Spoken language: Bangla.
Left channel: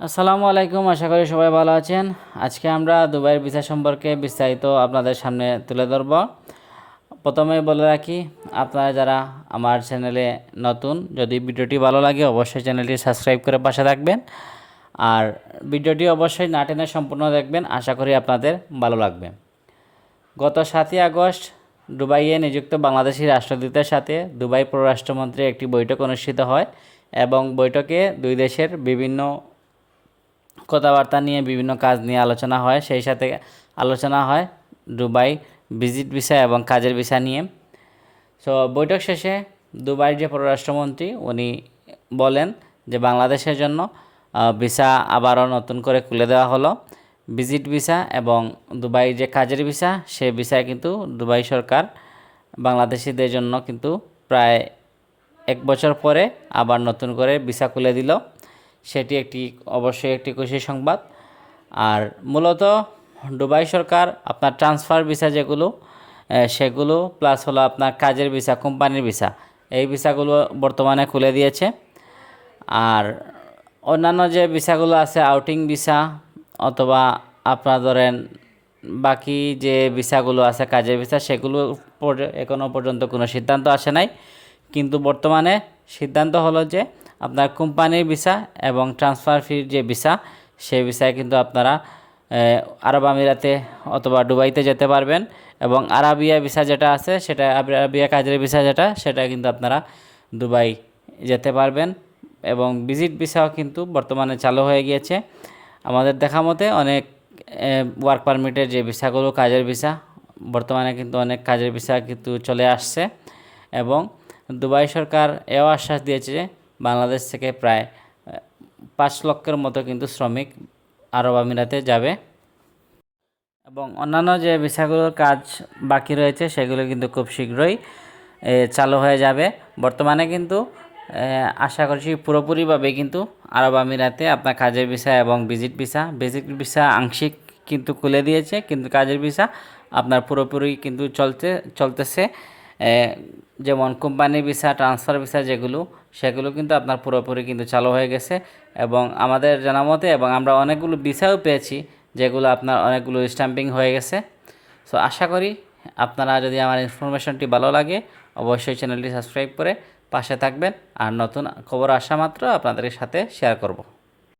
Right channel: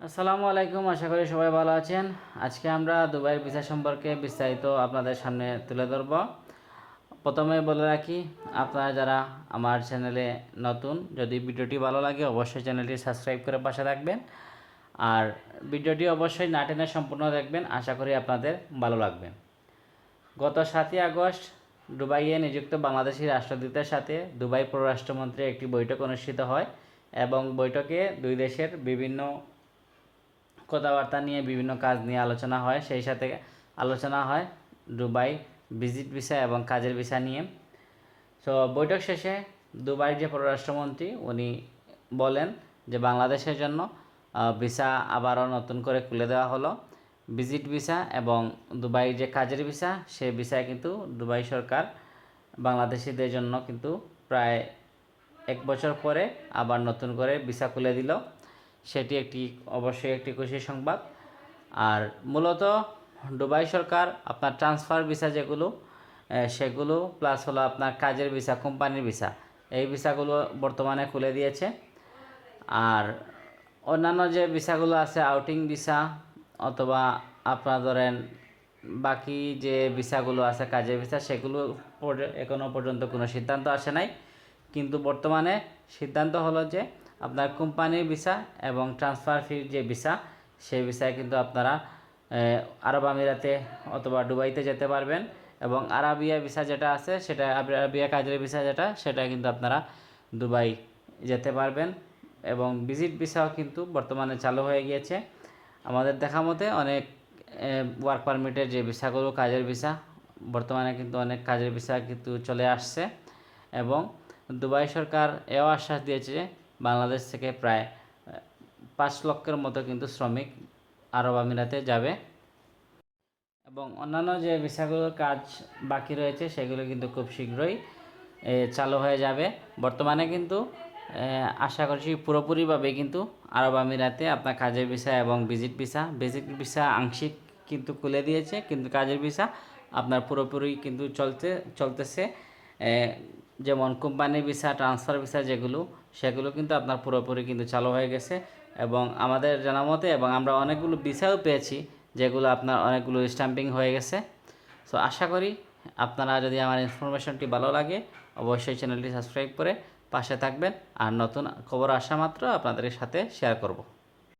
আসসালামু আলাইকুম, আশা করি সবাই ভালো আছেন। আজকে আমরা দুবাইয়ের ভিসা সম্পর্কে বিস্তারিত আপনাদের সামনে তুলে ধরব। প্রথমে বলে রাখি, আপনারা যারা আমার চ্যানেলে নতুন, যদি ভিডিওটি ভালো লাগে অবশ্যই চ্যানেলটি সাবস্ক্রাইব করে পাশে থাকবেন। আর ভিডিওটি অবশ্যই না টেনে সম্পূর্ণ দেখবেন, আশা করি আপনাদের ভালো লাগবে। গত সাতই আগস্ট দুবাইয়ে নিযুক্ত বাংলাদেশি রাষ্ট্রদূতের সাথে দুবাই পররাষ্ট্রমন্ত্রী একটি বৈঠক অনুষ্ঠিত হয় এবং বৈঠকে দুই দেশের বিভিন্ন কথাবার্তা নিয়ে বিভিন্ন কাজ নিয়ে আলোচনা হয়, সেই সাথে আলোচনা হয় দুবাই ভিজিট ভিসা এবং কাজের ভিসা নিয়ে। সো বৈঠক শেষে দুবাইয়ের যে পররাষ্ট্রমন্ত্রী উনি বলেন যে বাংলাদেশের জন্য ভিসা আবারও নতুন করে খুলে দেওয়া হলো। ভিজিট ভিসা এবং দুবাই যে কাজের ভিসা, সে ভিসায় কিন্তু দুবাই সরকার বাংলাদেশিদের জন্য কিন্তু প্রায় এক বছর পরে আবার নতুন করে ভিসা খুলে দিল। সেটি একটি, অবশ্যই একটি খুশি সংবাদ। আর মূলত দুবাই সরকার আপনার ট্রান্সফার ভিসা যেগুলো সেগুলো প্লাস হলো আপনার কাজের ভিসা, কোম্পানির ভিসা। এই ভিসাগুলো বর্তমানে খুলে দিয়েছে। আর অন্যান্য যে ভিসাগুলো আছে আউটিং ভিসা অথবা আপনার ধরেন বাকি যে ভিসাগুলো আছে, কাজের ভিসা, সেগুলো এখনও পর্যন্ত কোনো সিদ্ধান্ত আসে নাই। কিন্তু বর্তমানে সিদ্ধান্ত হলো যে আপনার কোম্পানির ভিসা এবং ট্রান্সফার ফির যে ভিসা, সেই ভিসায় কিন্তু আপনারা আরব আমিরাতে অথবা দুবাইতে যেতে পারবেন এবং আরাবিয়া ভিসা যেটা আছে, সেটা আরাবিয়া কাজের ভিসা যেটা, সেটা কিন্তু আপনারা দুবাই যেতে পারবেন এবং ভিজিট ভিসাও কিন্তু বর্তমানে চালু হয়ে গিয়েছে। আমাদের দেখা মতে অনেক ওয়ার্ক পারমিটের যে ভিসাগুলো, কাজের ভিসা, বর্তমানে কিন্তু অনেক কাজের ভিসা কিন্তু চলে আসছে এবং দুবাই সরকার এও আশ্বাস দিয়েছে বাংলাদেশ থেকে প্রায় পাঁচ লক্ষের মতো কিন্তু শ্রমিক আরব আমিরাতে যাবে। এবং অন্যান্য যে ভিসাগুলোর কাজ বাকি রয়েছে, সেগুলো কিন্তু খুব শীঘ্রই চালু হয়ে যাবে। বর্তমানে কিন্তু আশা করছি পুরোপুরিভাবে কিন্তু আরব আমিরাতে আপনার কাজের ভিসা এবং ভিজিট ভিসা ভিজিট ভিসা আংশিক কিন্তু খুলে দিয়েছে, কিন্তু কাজের ভিসা আপনার পুরোপুরি কিন্তু চলতে, চলতেছে। যেমন কোম্পানি ভিসা, ট্রান্সফার ভিসা যেগুলো সেগুলো কিন্তু আপনার পুরোপুরি কিন্তু চালু হয়ে গেছে এবং আমাদের জানা মতে এবং আমরা অনেকগুলো ভিসাও পেয়েছি যেগুলো আপনার অনেকগুলো স্ট্যাম্পিং হয়ে গেছে। সো আশা করি আপনারা যদি আমার ইনফরমেশনটি ভালো লাগে, অবশ্যই চ্যানেলটি সাবস্ক্রাইব করে পাশে থাকবেন। আর নতুন খবর আসা মাত্র আপনাদের সাথে শেয়ার করব।